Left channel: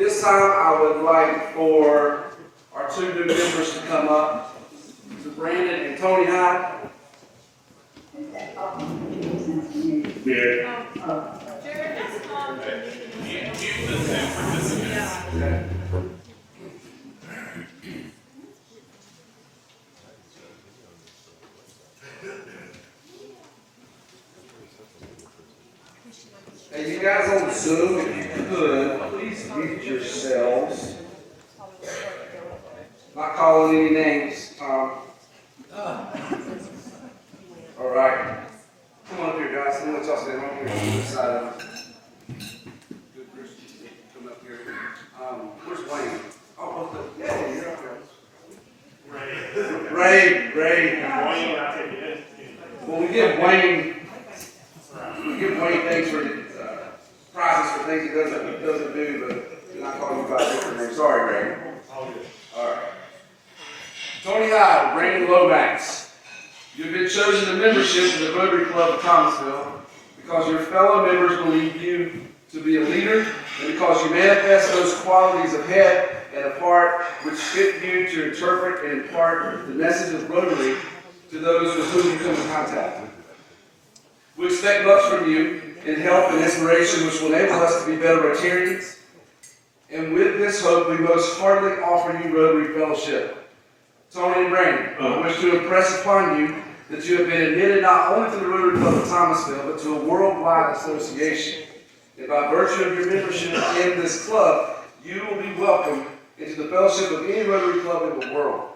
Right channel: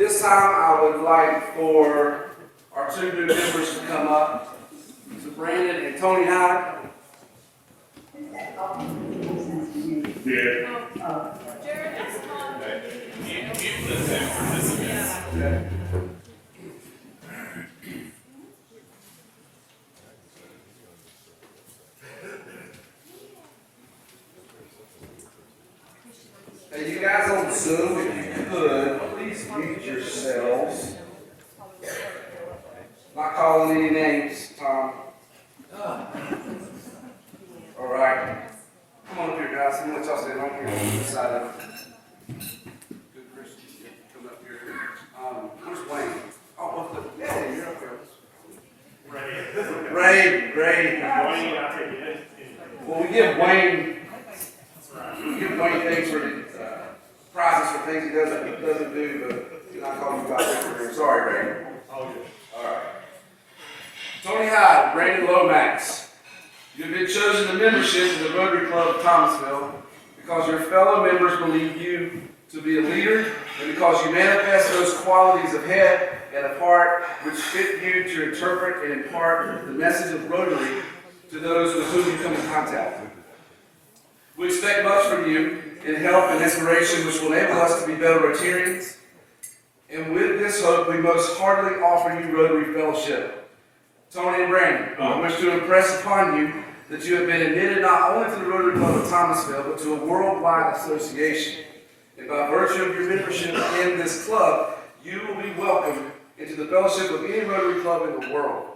This time I would like for our two new members to come up, so Brandon and Tony Hyde. Hey, you guys on Zoom, if you could, please mute yourselves. Not calling any names, Tom. All right. Come on up here, guys. I'm going to let y'all stand right here on this side of it. Good, Chris. Come up here. Where's Wayne? Oh, what's the... Yeah, you're up here. Ray. Wayne, I'll take it. Well, we give Wayne things for prizes for things he doesn't do, but you're not calling you by different names. Sorry, Ray. All good. All right. Tony Hyde, Brandon Lomax. You have been chosen to membership in the Rotary Club of Thomasville because your fellow members believe you to be a leader and because you manifest those qualities of head and of heart which fit you to interpret and impart the message of Rotary to those with whom you come in contact. We expect much from you in help and inspiration which will enable us to be better Rotarians. And with this hope, we most heartily offer you Rotary Fellowship. Tony and Brandon, I wish to impress upon you that you have been admitted not only to the Rotary Club of Thomasville, but to a worldwide association. And by virtue of your membership in this club, you will be welcomed into the fellowship of any Rotary Club in the world.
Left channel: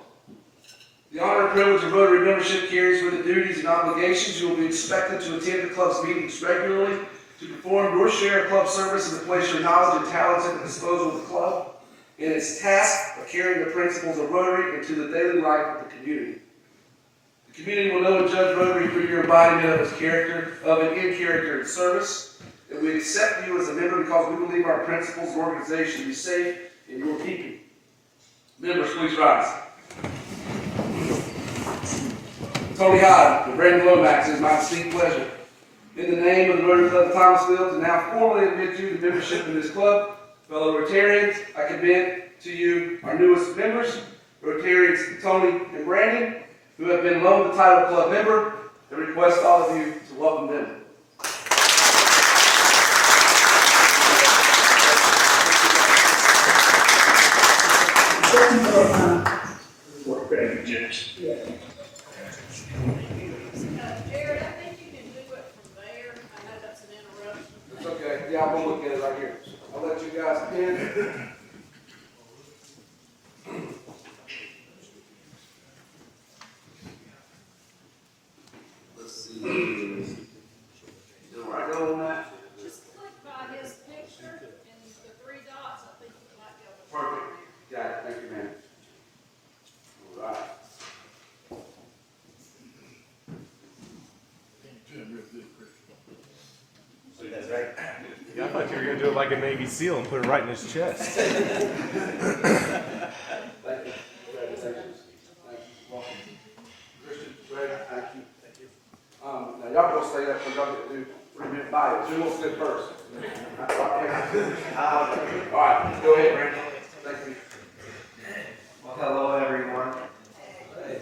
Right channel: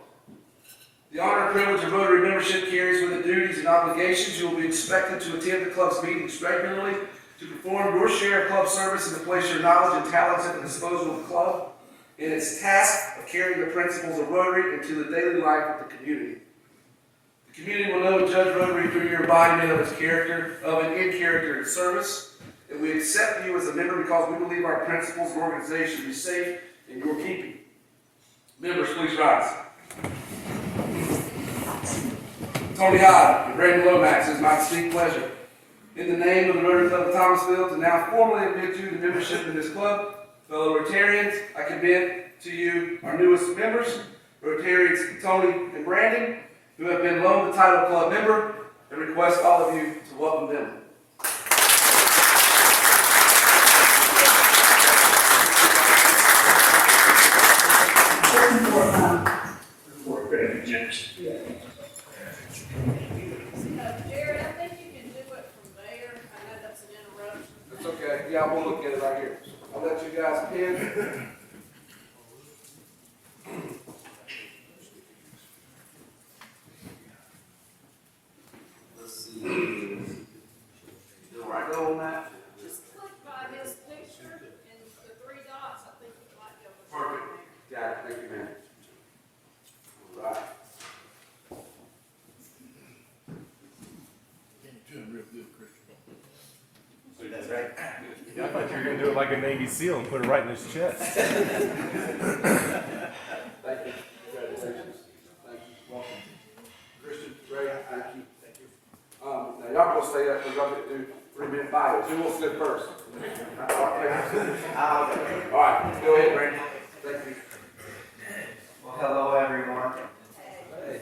The honor and privilege of Rotary membership carries with it duties and obligations. You will be expected to attend the club's meetings regularly, to perform your share of club service and to place your knowledge and talents at the disposal of the club in its task of carrying the principles of Rotary into the daily life of the community. The community will know and judge Rotary through your embodiment of its character, of it in character and service. And we accept you as a member because we believe our principles and organization to be safe in your keeping. Members, please rise. Tony Hyde and Brandon Lomax, it is my distinct pleasure, in the name of the Rotary Club of Thomasville, to now formally admit you to membership in this club. Fellow Rotarians, I commend to you our newest members, Rotarians Tony and Brandon, who have been loaned the title of club member, and request all of you to welcome them. Jared, I think you can do it from there. I know that's an interruption. It's okay. Yeah, we'll look at it right here. I'll let you guys pin. Let's see. Do I go on that? Just click by his picture and the three dots. I think you might be able to. Perfect. Got it. Thank you, ma'am. All right. That's right. Yeah, I thought you were going to do it like a Navy SEAL and put it right in his chest. Thank you. Congratulations. Thank you. Welcome. Christian, Ray, thank you. Thank you. Now y'all go stay up because y'all get to do 3-minute bios. Who wants to sit first? All right, go ahead, Brandon. Thank you. Well, hello everyone.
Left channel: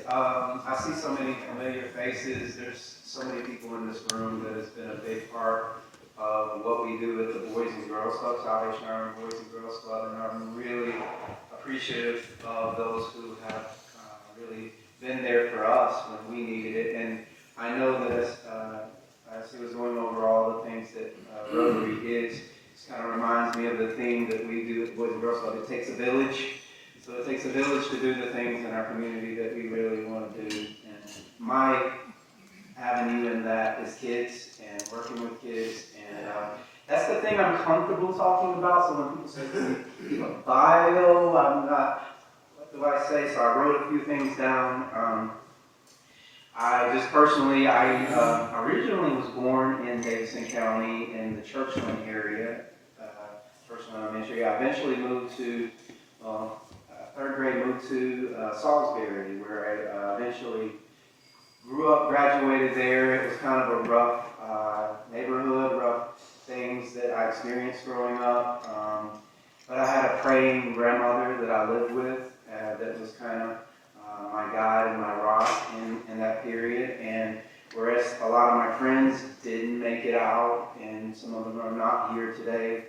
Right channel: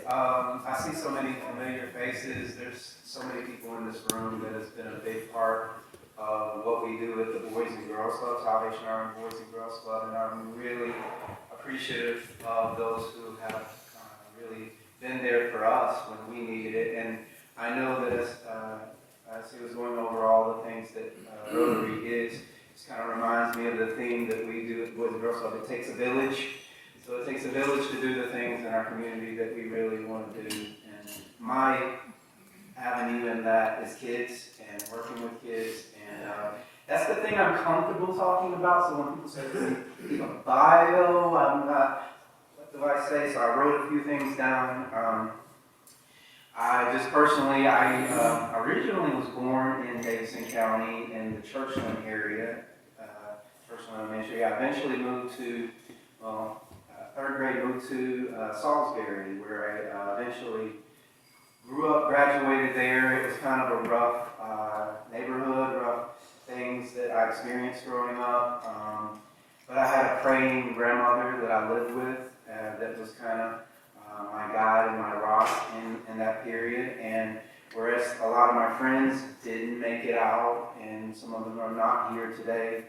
I see so many familiar faces. There's so many people in this room that has been a big part of what we do at the Boys and Girls Club, Salvation Army Boys and Girls Club, and I'm really appreciative of those who have really been there for us when we needed it. And I know that as he was going over all the things that Rotary is, it kind of reminds me of the theme that we do at the Boys and Girls Club. It takes a village. So it takes a village to do the things in our community that we really want to do. And my avenue in that is kids and working with kids. And that's the thing I'm comfortable talking about. So when people say to me, "Keep a bio," I'm not, what do I say? So I wrote a few things down. I just personally, I originally was born in Davidson County in the Churchland area, Churchland Elementary. I eventually moved to, third grade, moved to Salisbury, where I eventually grew up, graduated there. It was kind of a rough neighborhood, rough things that I experienced growing up. But I had a praying grandmother that I lived with that was kind of my guide and my rock in that period. And whereas a lot of my friends didn't make it out, and some of them are not here today,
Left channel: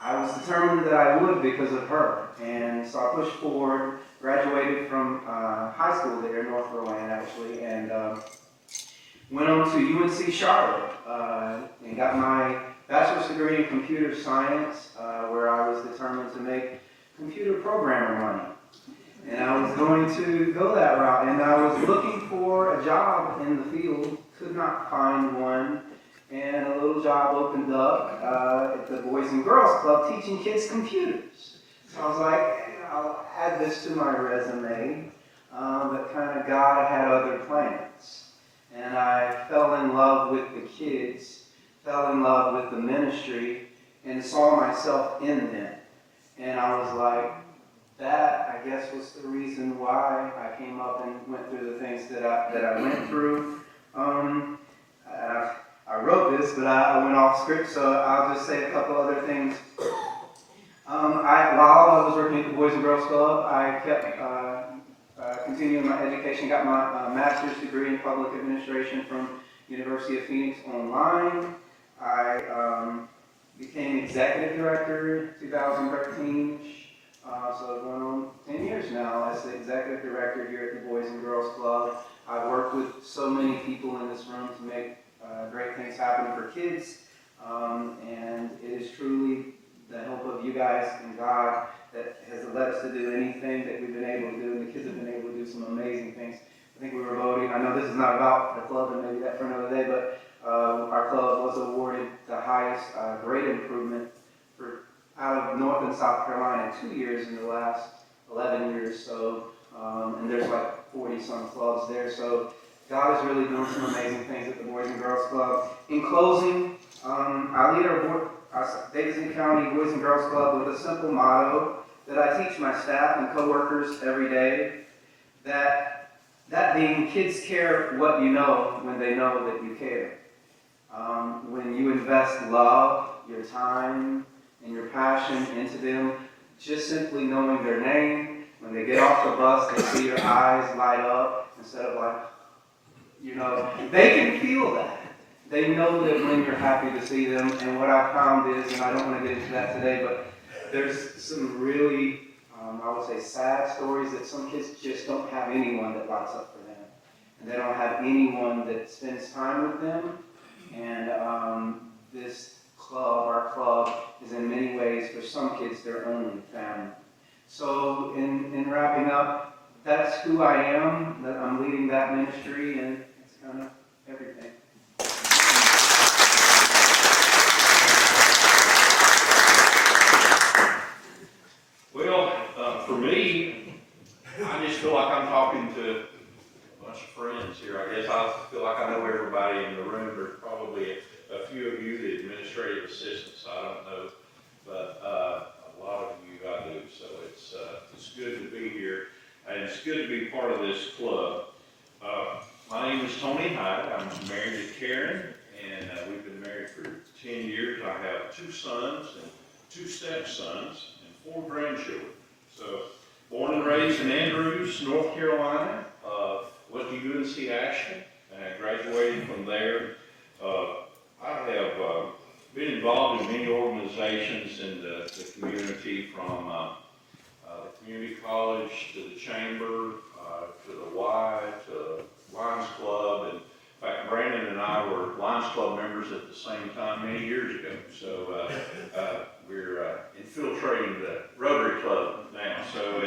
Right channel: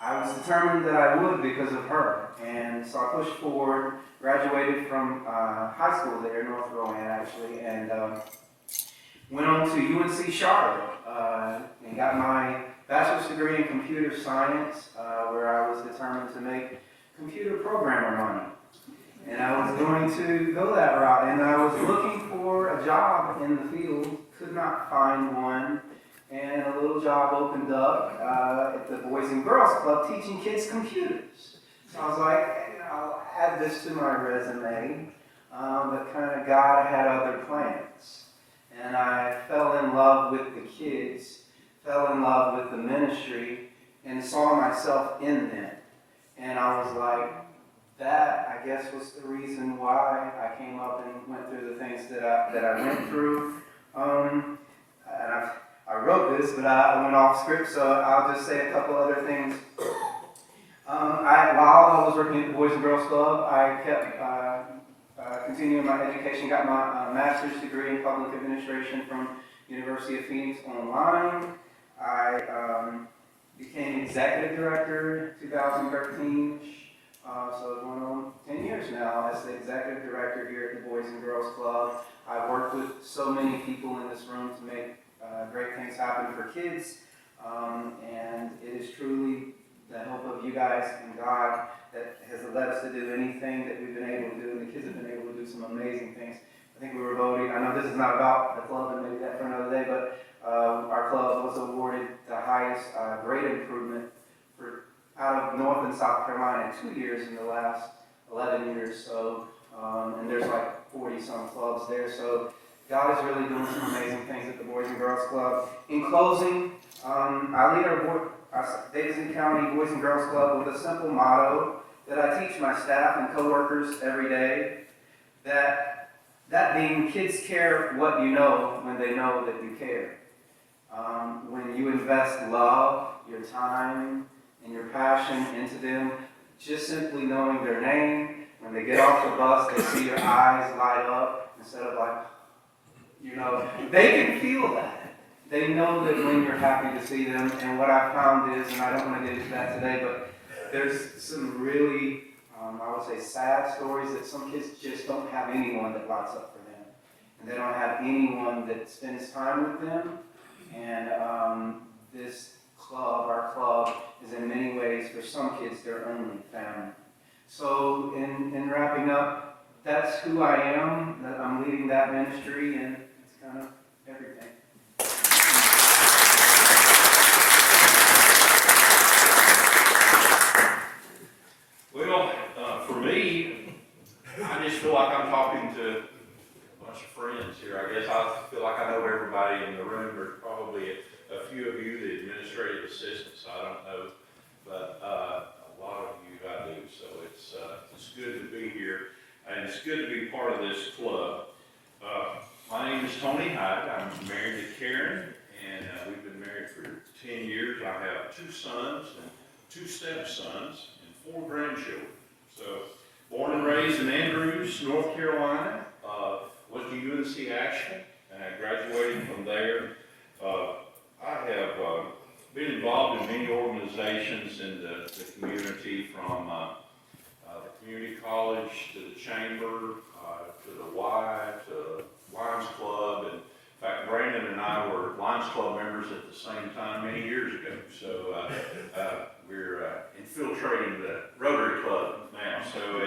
I was determined that I would because of her. And so I pushed forward, graduated from high school there, North Rowan actually, and went on to UNC Charlotte and got my bachelor's degree in computer science, where I was determined to make computer programmer money. And I was going to go that route, and I was looking for a job in the field, could not find one, and a little job opened up at the Boys and Girls Club teaching kids computers. So I was like, I'll add this to my resume, but kind of God had other plans. And I fell in love with the kids, fell in love with the ministry, and saw myself in them. And I was like, that, I guess, was the reason why I came up and went through the things that I went through. And I wrote this, but I went off script, so I'll just say a couple other things. While I was working at the Boys and Girls Club, I kept continuing my education, got my master's degree in public administration from University of Phoenix online. I became executive director in 2013. So I've going on 10 years now as the executive director here at the Boys and Girls Club. I've worked with so many people in this room to make great things happen for kids. And it is truly the help of you guys and God that has led us to do anything that we've been able to do. And the kids have been able to do some amazing things. I think we were voting, I know this is not about the club and maybe that for another day, but our club was awarded the highest grade improvement for out of North and South Carolina 2 years in the last 11 years. So, and there's like 40 some clubs there. So God is really doing some amazing things at the Boys and Girls Club. In closing, I lead our Davidson County Boys and Girls Club with a simple motto that I teach my staff and coworkers every day. That being, kids care what you know when they know that you care. When you invest love, your time, and your passion into them, just simply knowing their name, when they get off the bus, they see your eyes light up instead of like, they can feel that. They know that when you're happy to see them, and what I found is, and I don't want to get into that today, but there's some really, I would say, sad stories that some kids just don't have anyone that lights up for them. And they don't have anyone that spends time with them. And this club, our club, is in many ways, for some kids, their only family. So in wrapping up, that's who I am. I'm leading that ministry, and it's kind of everything. Well, for me, I just feel like I'm talking to a bunch of friends here. I guess I feel like I know everybody in the room. There's probably a few of you, the administrative assistants, I don't know, but a lot of you I do. So it's good to be here, and it's good to be part of this club. My name is Tony Hyde. I'm married to Karen, and we've been married for 10 years. I have 2 sons and 2 stepsons and 4 grandchildren. So, born and raised in Andrews, North Carolina. Went to UNC Asheville, and I graduated from there. I have been involved in many organizations in the community, from the community college to the chamber, to the Y, to the Lions Club. And in fact, Brandon and I were Lions Club members at the same time many years ago. So we're infiltrating the Rotary Club now. So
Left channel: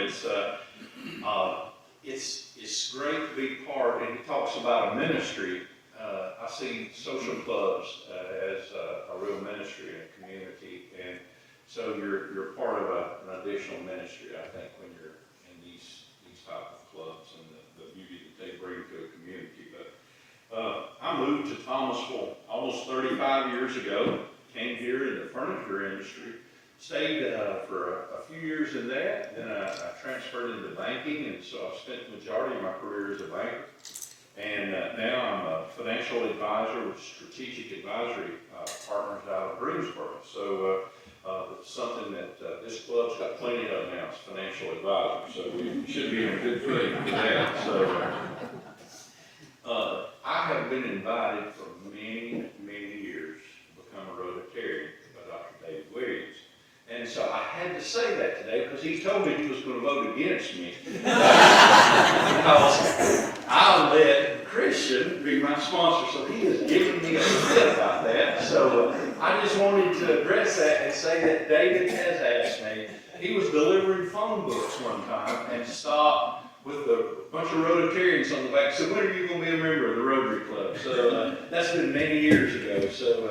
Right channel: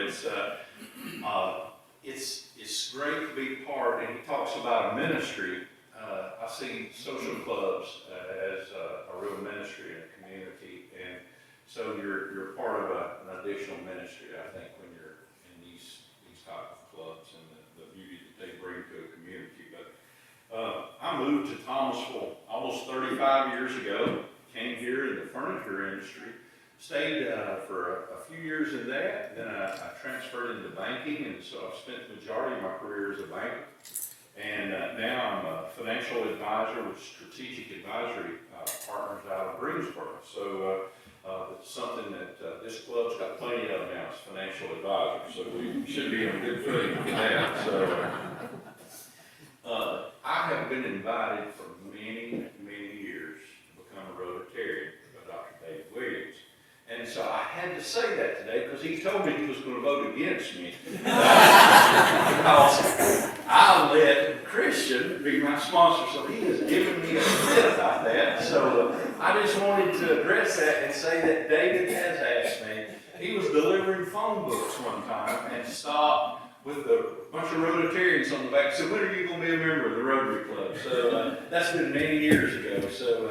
it's great to be part, and he talks about a ministry. I see social clubs as a real ministry in a community, and so you're part of an additional ministry, I think, when you're in these type of clubs, and the beauty that they bring to a community. But I moved to Thomasville almost 35 years ago, came here in the furniture industry, stayed for a few years in that, then I transferred into banking, and so I've spent the majority of my career as a banker. And now I'm a financial advisor with Strategic Advisory Partners out of Greensboro. So the something that, this club's got plenty of now, it's financial advisor, so we should be on good footing for that, so. I have been invited for many, many years to become a Rotarian by Dr. David Williams. And so I had to say that today because he told me he was going to vote against me. Because I'll let Christian be my sponsor, so he has given me a bit about that. So I just wanted to address that and say that David has asked me. He was delivering phone books one time and stopped with a bunch of Rotarians on the back. So when are you going to be a member of the Rotary Club? So that's been many years ago. So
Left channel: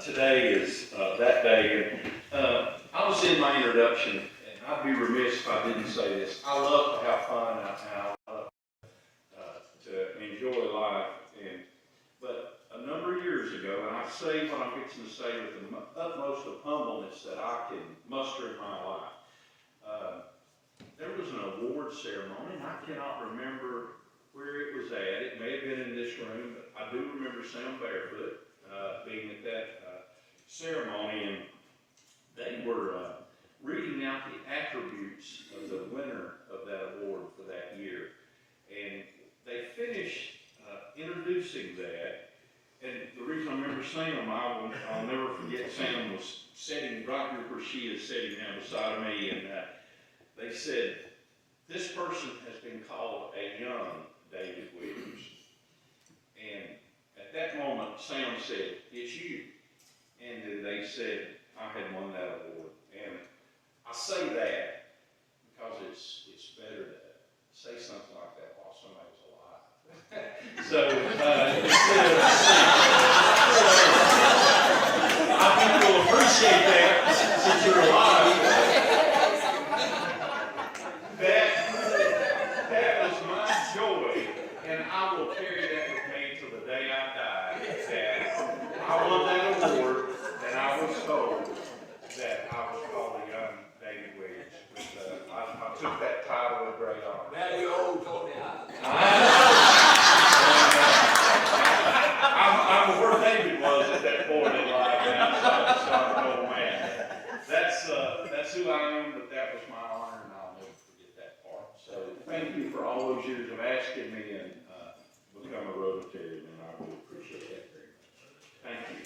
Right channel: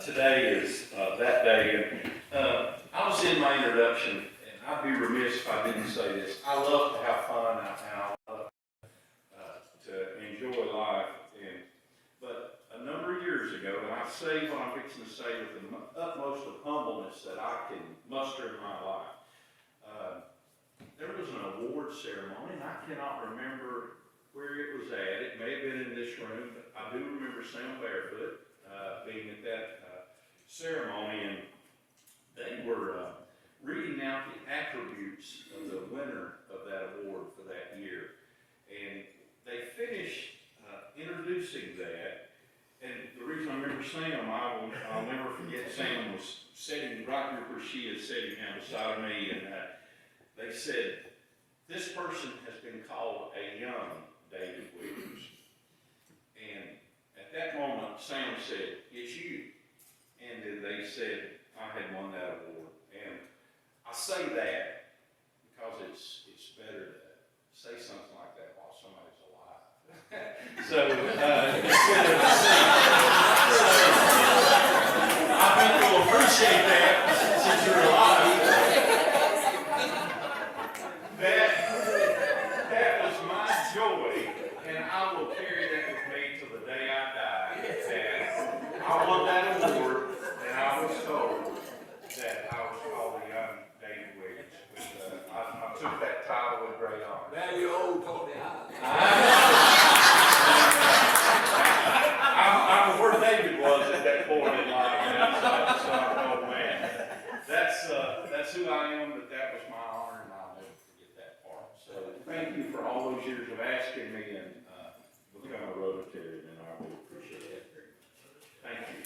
today is that day. And I was in my introduction, and I'd be remiss if I didn't say this. I love to have fun and I love to enjoy life. But a number of years ago, and I say what I'm fixing to say with the utmost of humbleness that I can muster in my life. There was an award ceremony, and I cannot remember where it was at. It may have been in this room, but I do remember Sam Barefoot being at that ceremony, and they were reading out the attributes of the winner of that award for that year. And they finished introducing that. And the reason I remember Sam, I'll never forget, Sam was sitting right where she is sitting now beside me, and they said, this person has been called a young David Williams. And at that moment, Sam said, it's you. And then they said, I had won that award. And I say that because it's better to say something like that while somebody's alive. So I think you'll appreciate that since you're alive. That was my joy, and I will carry that with me till the day I die. That I won that award, and I was told that I was called a young David Williams. Which, I took that title with great honor. Now you old Tony I'm where David was at that point in life, and so I'm an old man. That's who I am, but that was my honor, and I'll never forget that part. So thank you for all those years of asking me and become a Rotarian, and I really appreciate that very much. Thank you.